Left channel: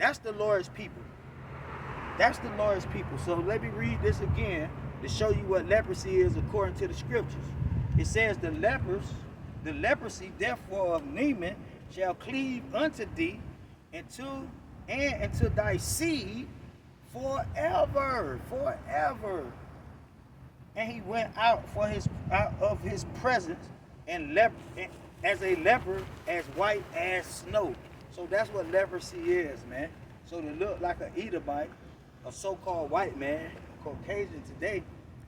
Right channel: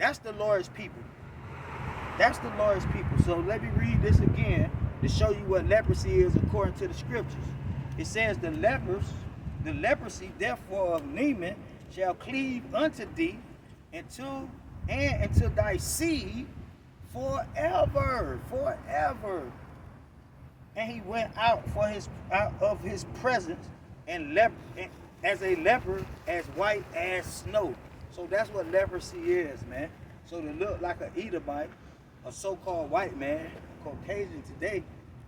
That's the Lord's people. That's the Lord's people. So let me read this again to show you what leprosy is according to the scriptures. It says, the leprosy therefore of Naaman shall cleave unto thee and to thy seed forever. And he went out of his presence and as a leper, as white as snow. So that's what leprosy is, man. So to look like an Edomite, a so-called white man, Caucasian today,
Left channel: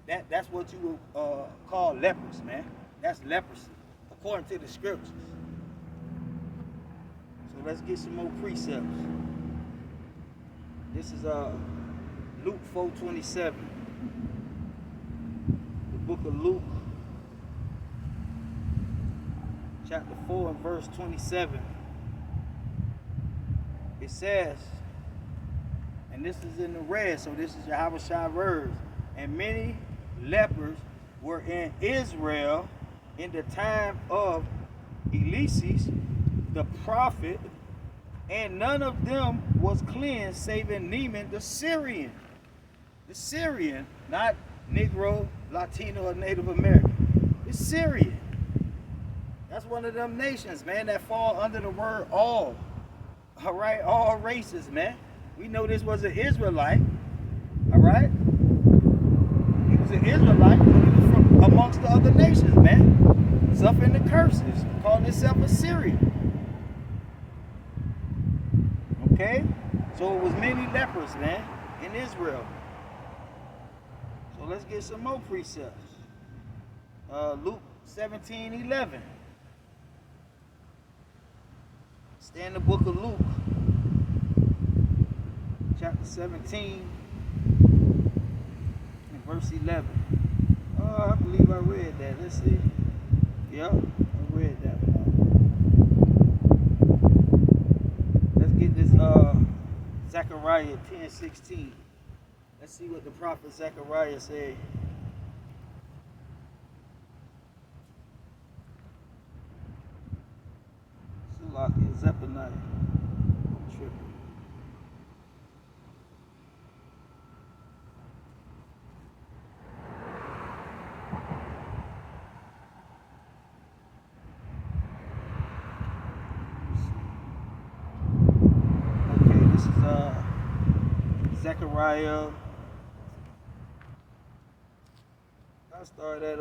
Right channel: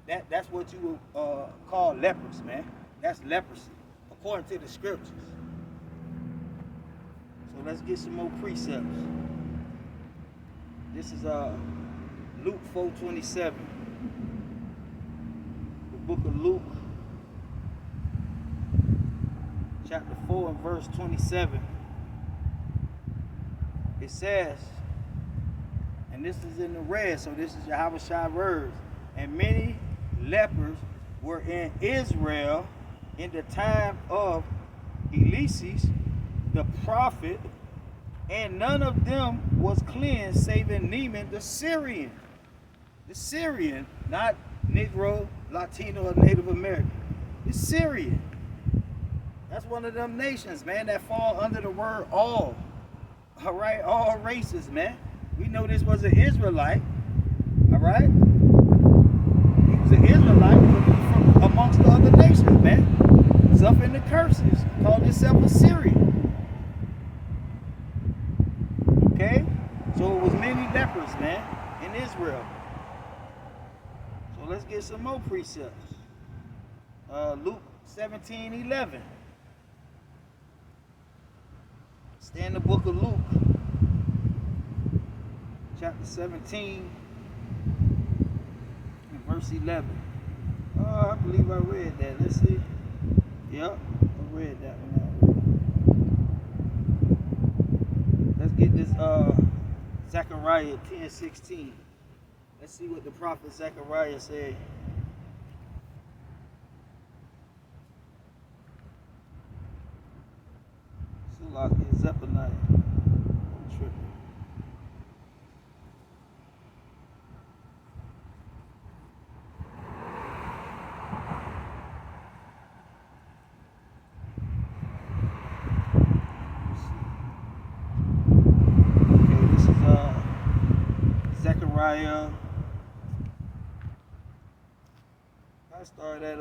that's what you would call lepers, man. That's leprosy, according to the scriptures. So let's get some more precepts. This is Luke 4:27. The book of Luke, chapter 4 and verse 27. It says, and this is in the red, so this is Yahushua words, and many lepers were in Israel in the time of Eliseus the prophet, and none of them was cleansed, saving Naaman the Syrian. The Syrian, not Negro, Latino, or Native American. The Syrian. That's one of them nations, man, that fall under the word all. All right, all races, man. We know this was an Israelite. All right. He was an Israelite, but he was from amongst the other nations, man. Suffering the curses. Called himself a Syrian. Okay? So it was many lepers, man, in Israel. So let's get some more precepts. Luke 17:11. Stay in the book of Luke, chapter 17, and verse 11. Oh, I believe I read that. Let's see. Yep, I read that one. Let's get this Zechariah 10:16. Let's see what the prophet Zechariah said. Sulaki Zephaniah. I'm tripping. Okay, this is Zechariah. I start at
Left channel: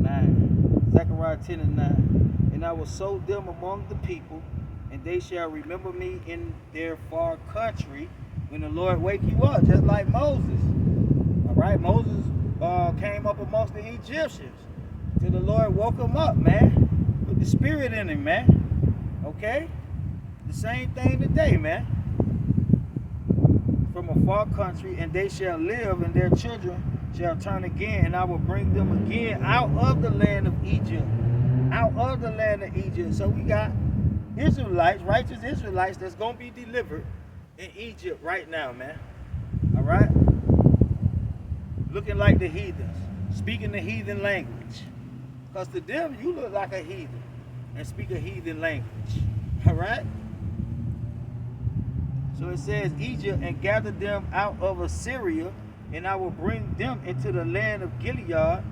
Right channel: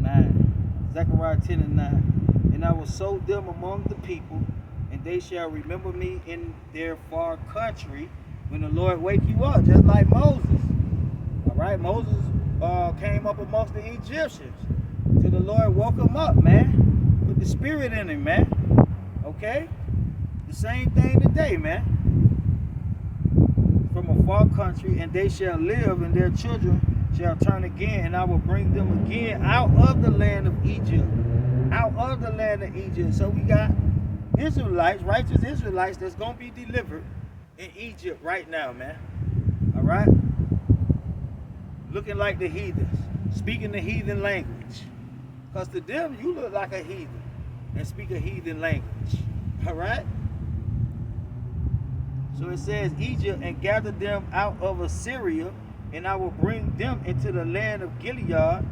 9. Zechariah 10 and 9. And I will sow them among the people, and they shall remember me in their far country when the Lord wake you up, just like Moses. All right, Moses came up amongst the Egyptians till the Lord woke him up, man. Put the spirit in him, man. Okay? The same thing today, man. From a far country, and they shall live, and their children shall turn again, and I will bring them again out of the land of Egypt. Out of the land of Egypt. So we got Israelites, righteous Israelites, that's going to be delivered in Egypt right now, man. All right? Looking like the heathens, speaking the heathen language. Because to them, you look like a heathen and speak a heathen language. All right? So it says, Egypt, and gather them out of Assyria, and I will bring them into the land of Gilead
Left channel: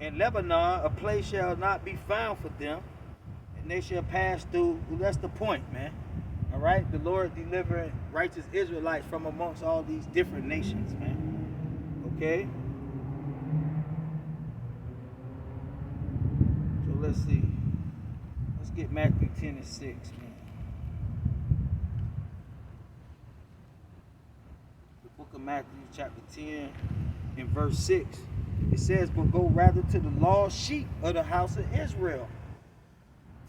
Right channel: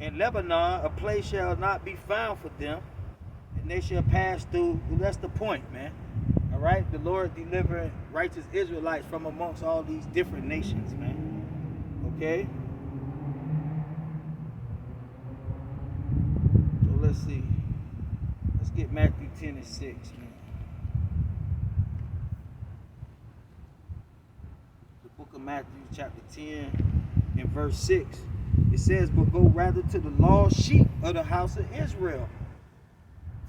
and Lebanon. A place shall not be found for them, and they shall pass through. Well, that's the point, man. All right? The Lord delivering righteous Israelites from amongst all these different nations, man. Okay? So let's see. Let's get Matthew 10 and 6, man. Book of Matthew chapter 10 and verse 6. It says, but go rather to the lost sheep of the house of Israel.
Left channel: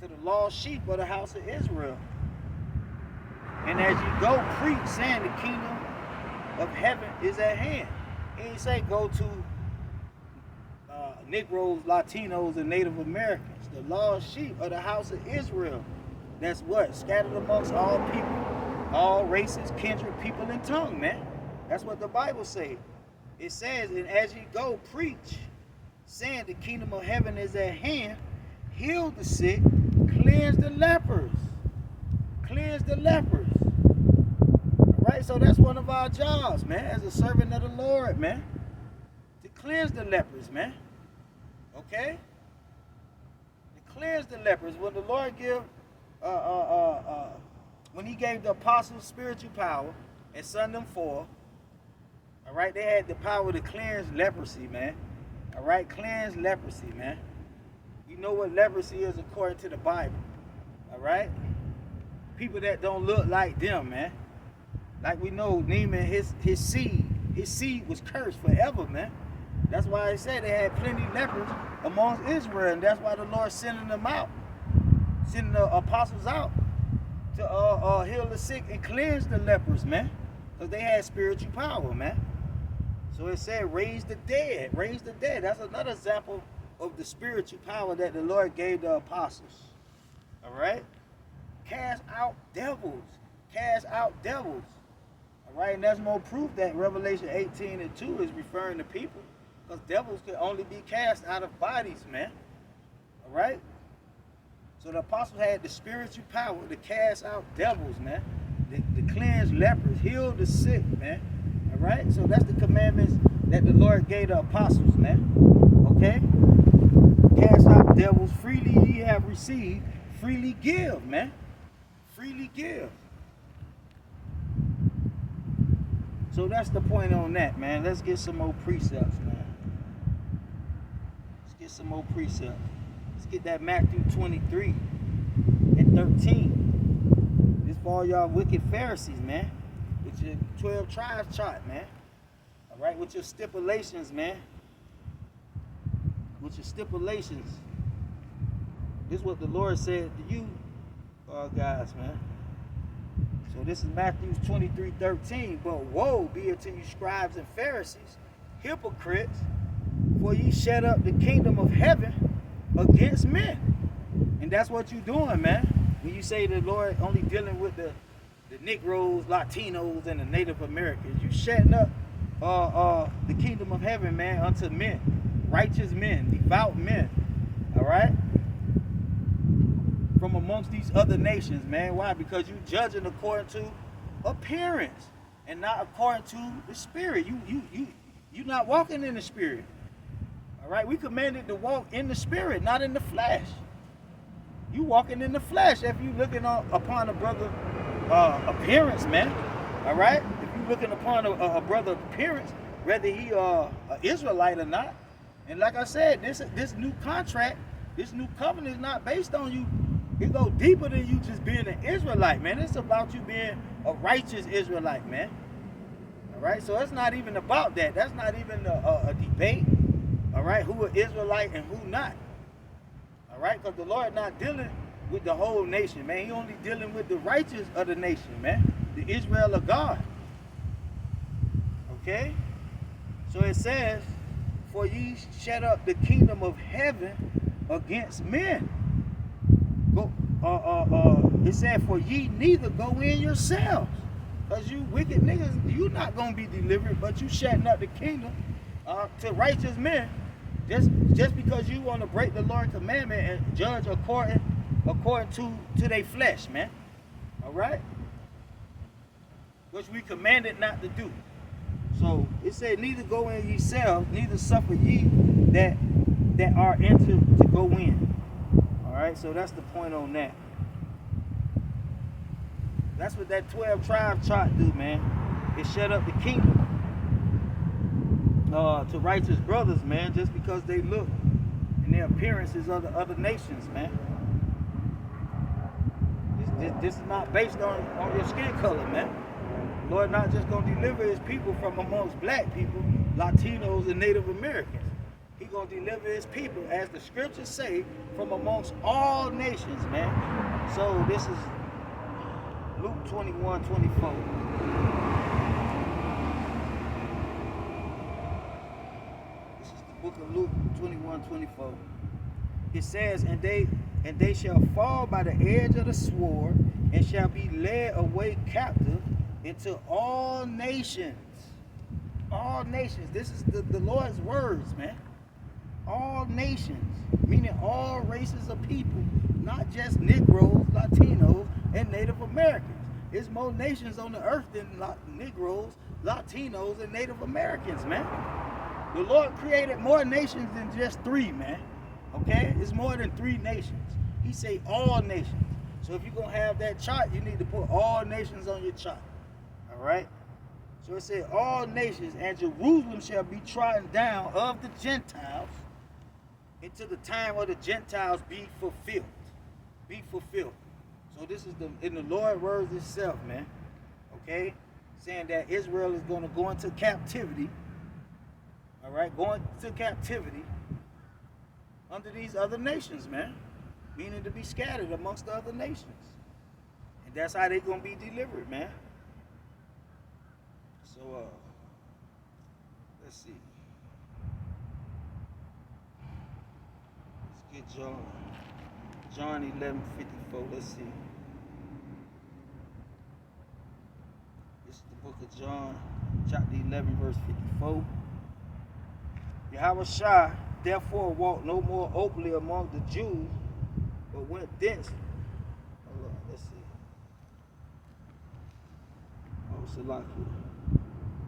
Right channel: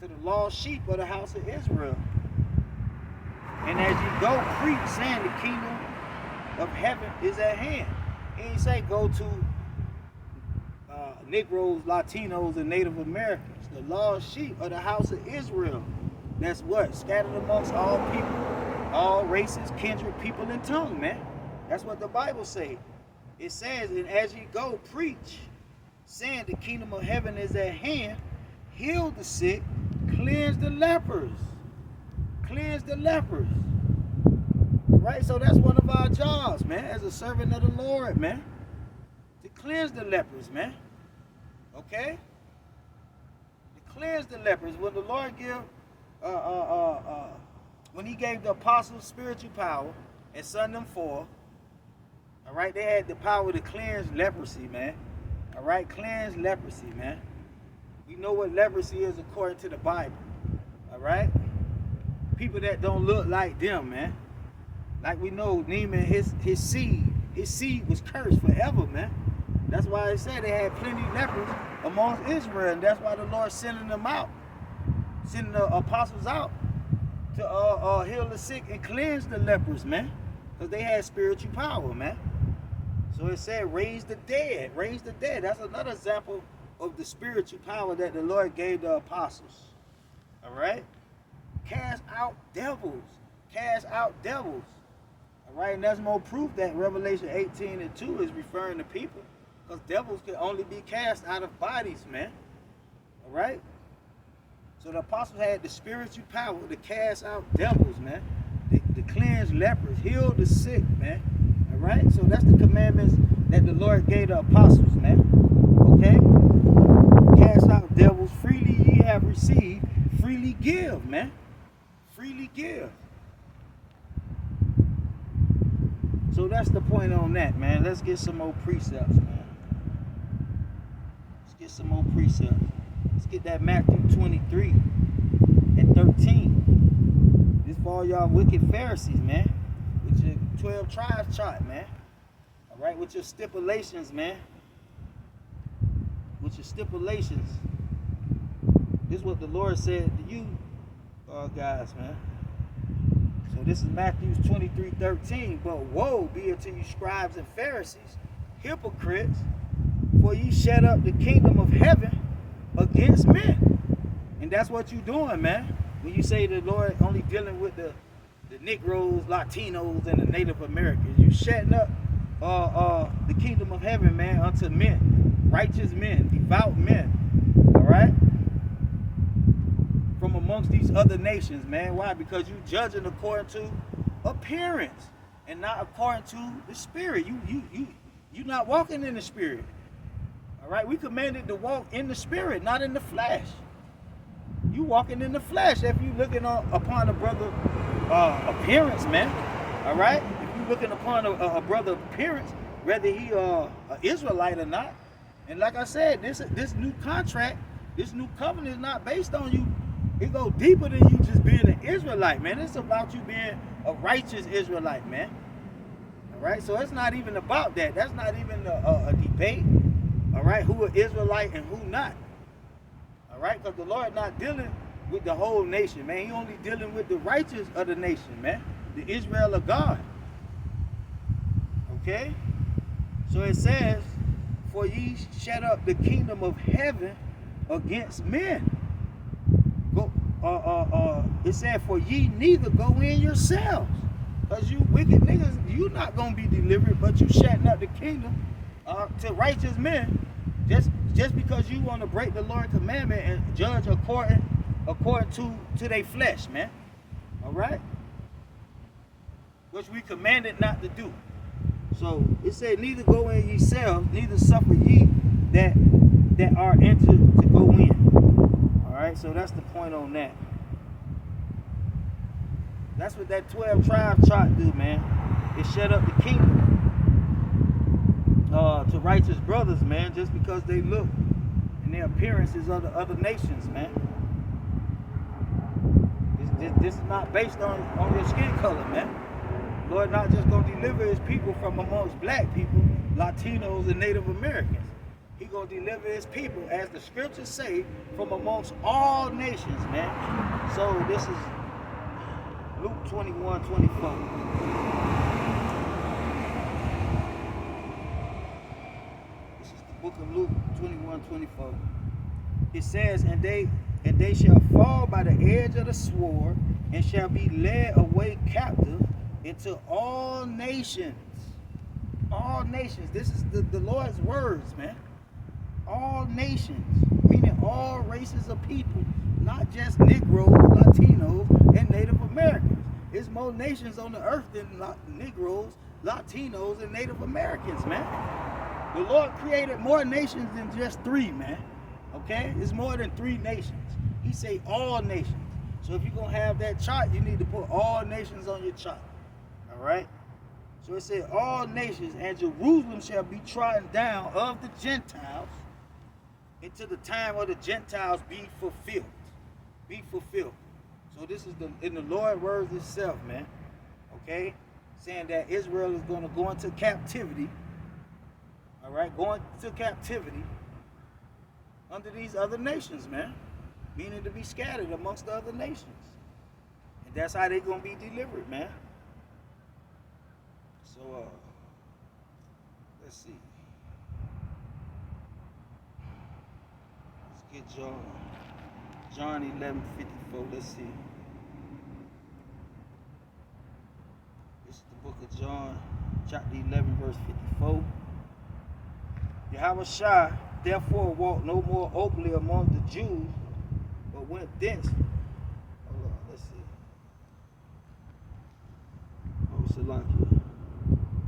To the lost sheep of the house of Israel. And as you go, preach, saying the kingdom of heaven is at hand. He ain't say go to Negroes, Latinos, and Native Americans. The lost sheep of the house of Israel. That's what? Scattered amongst all people, all races, kindred, people, and tongue, man. That's what the Bible says. It says, and as you go, preach, saying the kingdom of heaven is at hand, heal the sick, cleanse the lepers. cleanse the lepers. Right? So that's one of our jobs, man, as a servant of the Lord, man. To cleanse the lepers, man. Okay? To cleanse the lepers. When the Lord when he gave the apostles spiritual power and sent them forth, all right, they had the power to cleanse leprosy, man. All right, cleanse leprosy, man. You know what leprosy is according to the Bible. All right? People that don't look like them, man. Like we know, Naaman, his seed was cursed forever, man. That's why it said they had plenty of lepers amongst Israel, and that's why the Lord sending them out, sending the apostles out to heal the sick and cleanse the lepers, man, because they had spiritual power, man. So it said, raise the dead, raise the dead. That's another example of the spiritual power that the Lord gave the apostles. All right? Cast out devils. Cast out devils. All right? And that's more proof that Revelation 18:2 is referring to people, because devils can only be cast out of bodies, man. All right? So the apostles had the spiritual power to cast out devils, man. To cleanse lepers, heal the sick, man. All right? So that's the commandments that the Lord gave the apostles, man. Okay? Cast out devils, freely ye have received, freely give, man. Freely give. So that's the point on that, man. Let's get some more precepts, man. Let's get some more precepts. Let's get that Matthew 23:13. This for all y'all wicked Pharisees, man. With your 12 tribes chart, man. All right, with your stipulations, man. With your stipulations. This is what the Lord said to you, guys, man. So this is Matthew 23:13. But woe be it to you, scribes and Pharisees, hypocrites, for ye shut up the kingdom of heaven against men. And that's what you're doing, man. When you say the Lord only dealing with the Negroes, Latinos, and the Native Americans, you shutting up the kingdom of heaven, man, unto men, righteous men, devout men. All right? From amongst these other nations, man. Why? Because you judging according to appearance and not according to the spirit. You're not walking in the spirit. All right? We commanded to walk in the spirit, not in the flesh. You walking in the flesh if you looking upon a brother appearance, man. All right? If you looking upon a brother appearance, whether he an Israelite or not. And like I said, this new contract, this new covenant is not based on you. It goes deeper than you just being an Israelite, man. It's about you being a righteous Israelite, man. All right? So it's not even about that. That's not even a debate. All right? Who an Israelite and who not. All right? Because the Lord not dealing with the whole nation, man. He only dealing with the righteous of the nation, man. The Israel of God. Okay? So it says, for ye shut up the kingdom of heaven against men. Go. It said, for ye neither go in yourselves. Because you wicked niggas, you not going to be delivered, but you shutting up the kingdom to righteous men. Just because you want to break the Lord's commandment and judge according to their flesh, man. All right? Which we commanded not to do. So it said, neither go in yourselves, neither suffer ye that are entered to go in. All right, so that's the point on that. That's what that 12 tribe chart do, man. It shut up the kingdom to righteous brothers, man, just because they look and their appearances of the other nations, man. This is not based on your skin color, man. Lord not just going to deliver his people from amongst black people, Latinos, and Native Americans. He going to deliver his people, as the scriptures say, from amongst all nations, man. So this is Luke 21:24. This is the book of Luke 21:24. It says, and they shall fall by the edge of the sword, and shall be led away captive into all nations. All nations. This is the Lord's words, man. all nations, meaning all races of people, not just Negroes, Latinos, and Native Americans. There's more nations on the earth than Negroes, Latinos, and Native Americans, man. The Lord created more nations than just 3, man. Okay? It's more than 3 nations. He say all nations. So if you're going to have that chart, you need to put all nations on your chart. All right? So it said all nations, and Jerusalem shall be trodden down of the Gentiles until the time of the Gentiles be fulfilled. Be fulfilled. So this is in the Lord's words itself, man. Okay? Saying that Israel is going to go into captivity. All right? Going to captivity under these other nations, man. Meaning to be scattered amongst the other nations. And that's how they're going to be delivered, man. So, let's see. Let's get John 11:54. Let's see. This is the book of John, chapter 11, verse 54. Yahushua therefore walked no more openly among the Jews, but went thence. Hold on, let's see. Oh, Salakia.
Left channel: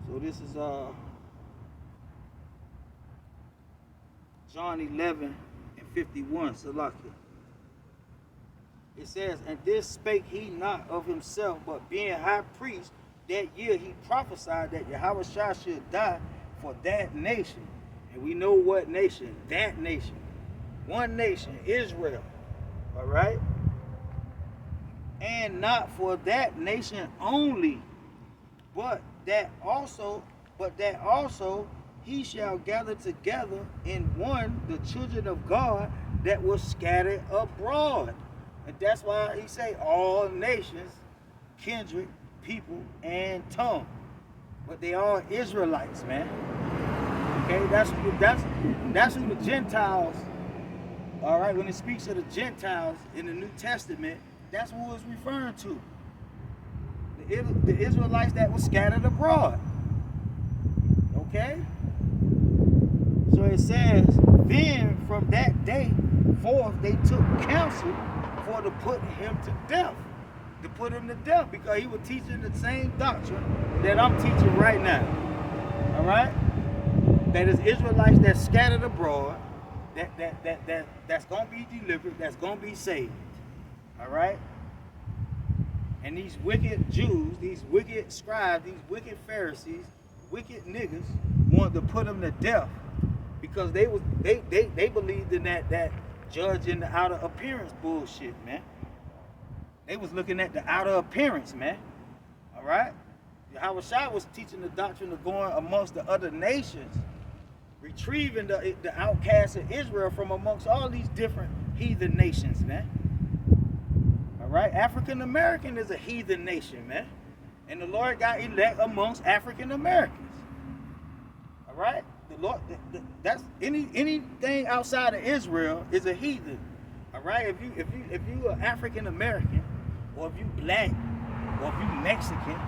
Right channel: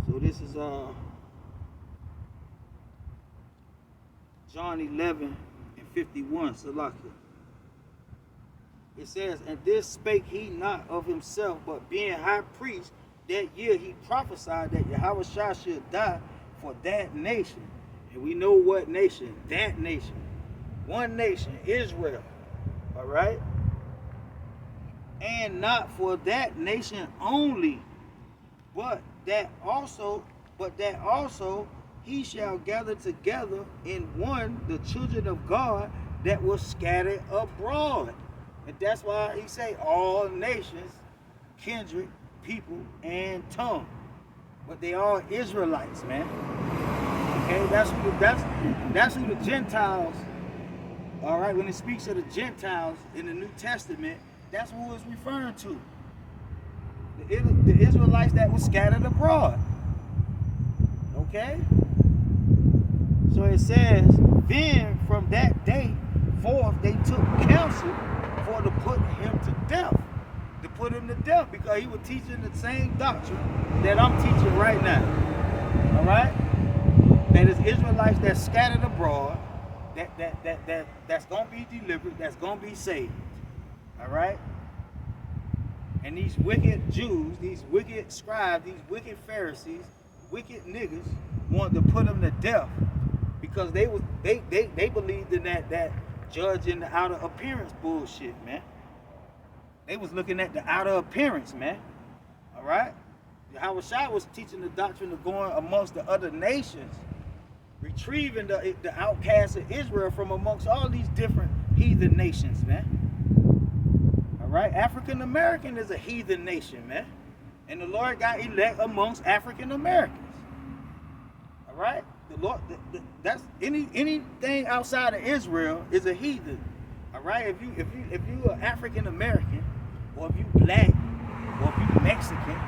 So this is John 11:51, Salakia. It says, and this spake he not of himself, but being high priest, that year he prophesied that Yahushua should die for that nation. And we know what nation, that nation. One nation, Israel. All right? And not for that nation only, but that also he shall gather together in one the children of God that were scattered abroad. And that's why he say all nations, kindred, people, and tongue. But they all Israelites, man. Okay, that's who the Gentiles, all right, when it speaks of the Gentiles in the New Testament, that's who it's referring to. The Israelites that were scattered abroad. Okay? So it says, then from that day forth they took counsel for to put him to death. To put him to death because he was teaching the same doctrine that I'm teaching right now. All right? That is Israelites that's scattered abroad, that's going to be delivered, that's going to be saved. All right? And these wicked Jews, these wicked scribes, these wicked Pharisees, wicked niggas wanted to put them to death because they believed in that judging the outer appearance bullshit, man. They was looking at the outer appearance, man. All right? Yahushua was teaching the doctrine of going amongst the other nations, retrieving the outcasts of Israel from amongst all these different heathen nations, man. All right? African American is a heathen nation, man. And the Lord got elect amongst African Americans. All right? The Lord, that's anything outside of Israel is a heathen. All right? If you are African American, or if you black, or if you Mexican,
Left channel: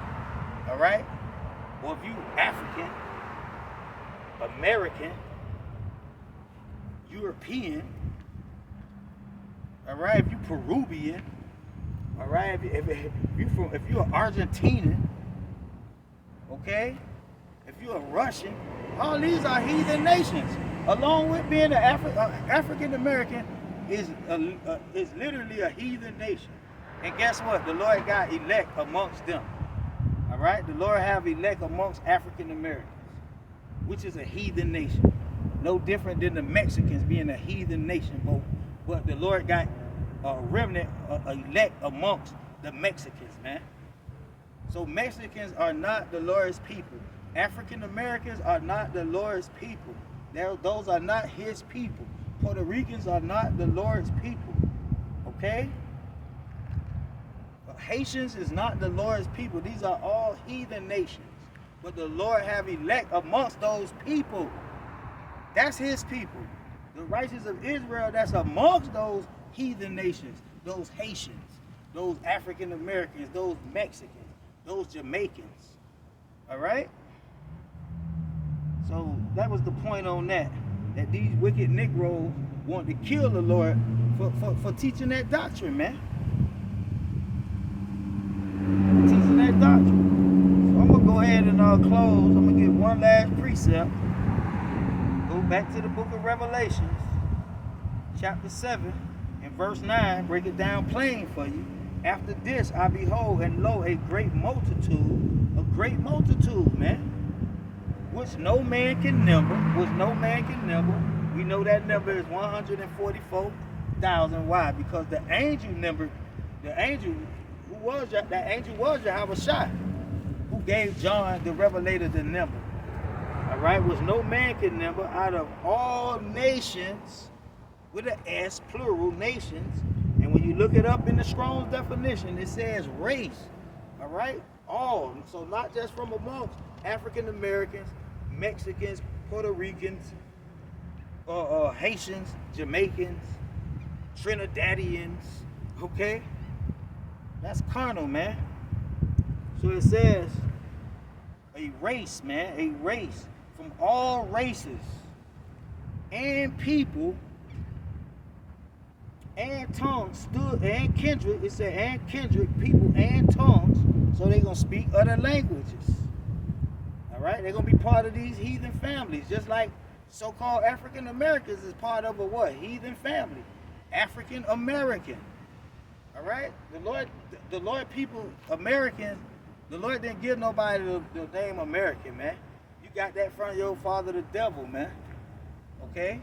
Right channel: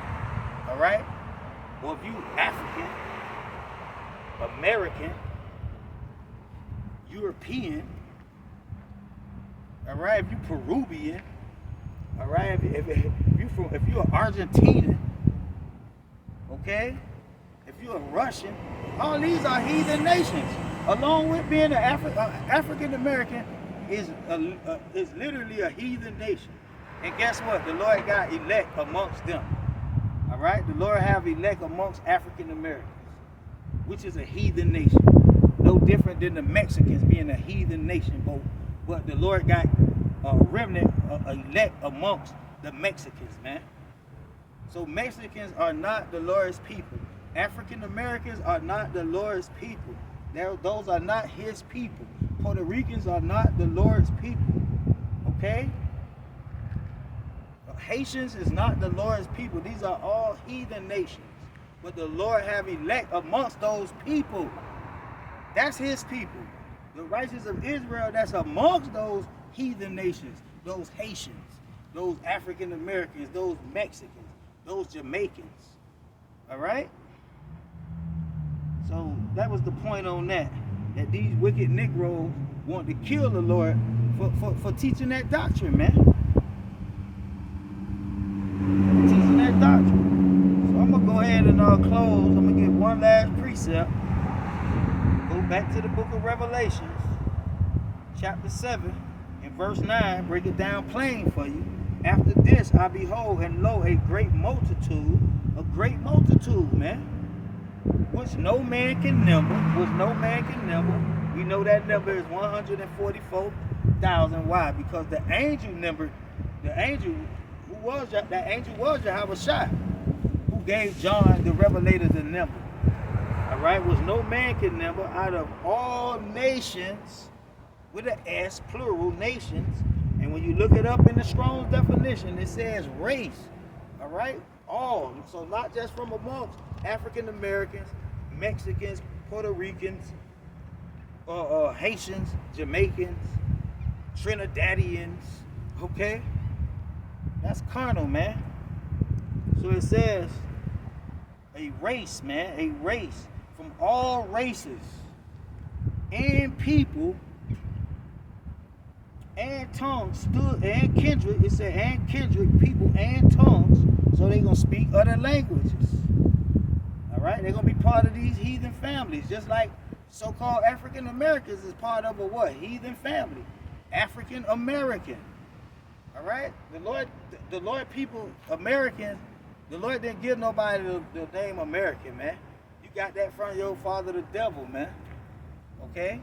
all right, or if you African, American, European, all right, if you Peruvian, all right, if you're Argentinian, okay, if you're a Russian, all these are heathen nations. Along with being an African American is literally a heathen nation. And guess what? The Lord got elect amongst them. All right? The Lord have elect amongst African Americans, which is a heathen nation. No different than the Mexicans being a heathen nation. But the Lord got a remnant, elect amongst the Mexicans, man. So Mexicans are not the Lord's people. African Americans are not the Lord's people. Those are not his people. Puerto Ricans are not the Lord's people. Okay? Haitians is not the Lord's people. These are all heathen nations. But the Lord have elect amongst those people. That's his people. The righteous of Israel that's amongst those heathen nations, those Haitians, those African Americans, those Mexicans, those Jamaicans. All right? So that was the point on that. that these wicked Negroes want to kill the Lord for teaching that doctrine, man. Teaching that doctrine. So I'm going to go ahead and close. I'm going to give one last precept. Go back to the book of Revelations, chapter 7, and verse 9. Break it down plain for you. After this, I behold, and lo, a great multitude, man, which no man can number, We know that number is 144,000. Why? Because the angel was Yahweh, who gave John the Revelator the number. All right, which no man can number, out of all nations, with an S, plural, nations. And when you look it up in the Strong's definition, it says race. All right, all. So not just from amongst African Americans, Mexicans, Puerto Ricans, Haitians, Jamaicans, Trinidadians. Okay, that's carnal, man. So it says a race, man, a race from all races and people and tongues stood, and kindred. It said and kindred, people and tongues. So they're gonna speak other languages. All right, they're gonna be part of these heathen families, just like so-called African Americans is part of a what? Heathen family, African American. All right, the Lord, people, Americans. The Lord didn't give nobody the name American, man. You got that from your father, the devil, man. Okay.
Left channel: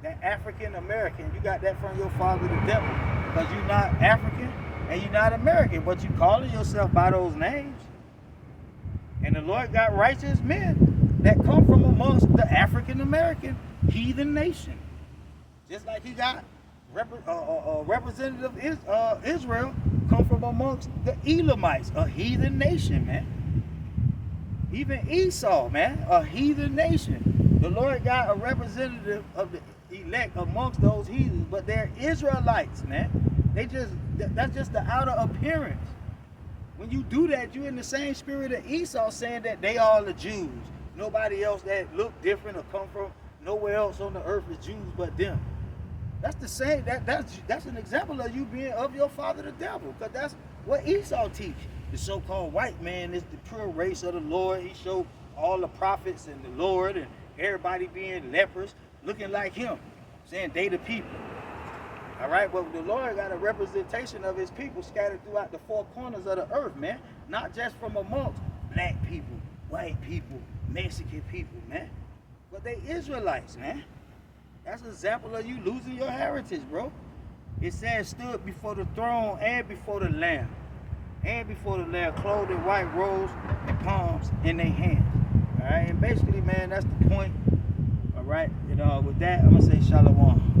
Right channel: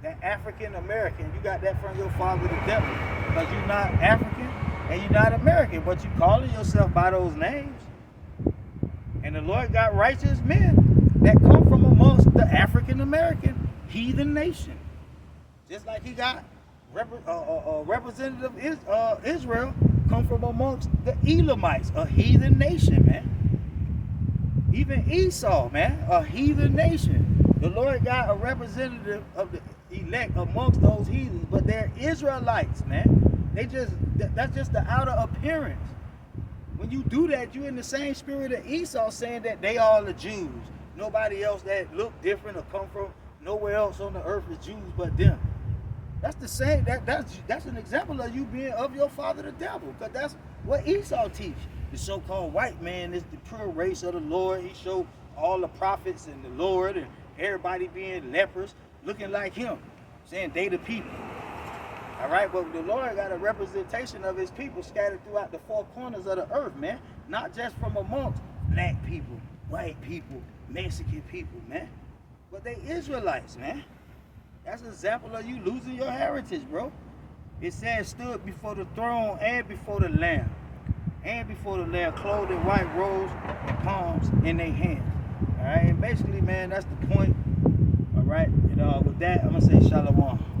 That African American, you got that from your father, the devil, because you're not African and you're not American, but you calling yourself by those names. And the Lord got righteous men that come from amongst the African American heathen nation, just like He got representative Israel come from amongst the Elamites, a heathen nation, man. Even Esau, man, a heathen nation. The Lord got a representative of the elect amongst those heathens, but they're Israelites, man. That's just the outer appearance. When you do that, you're in the same spirit of Esau, saying that they all the Jews. Nobody else that look different or come from nowhere else on the earth is Jews but them. That's the same. That's an example of you being of your father, the devil, because that's what Esau teach. The so-called white man is the pure race of the Lord. He showed all the prophets and the Lord and everybody being lepers, looking like him, saying they the people. All right, but the Lord got a representation of His people scattered throughout the four corners of the earth, man. Not just from amongst black people, white people, Mexican people, man, but they Israelites, man. That's an example of you losing your heritage, bro. It says stood before the throne and before the Lamb. And before the Lamb, clothed in white robes and palms in their hands. All right, and basically, man, that's the point. All right, and with that, I'm going to say shalom.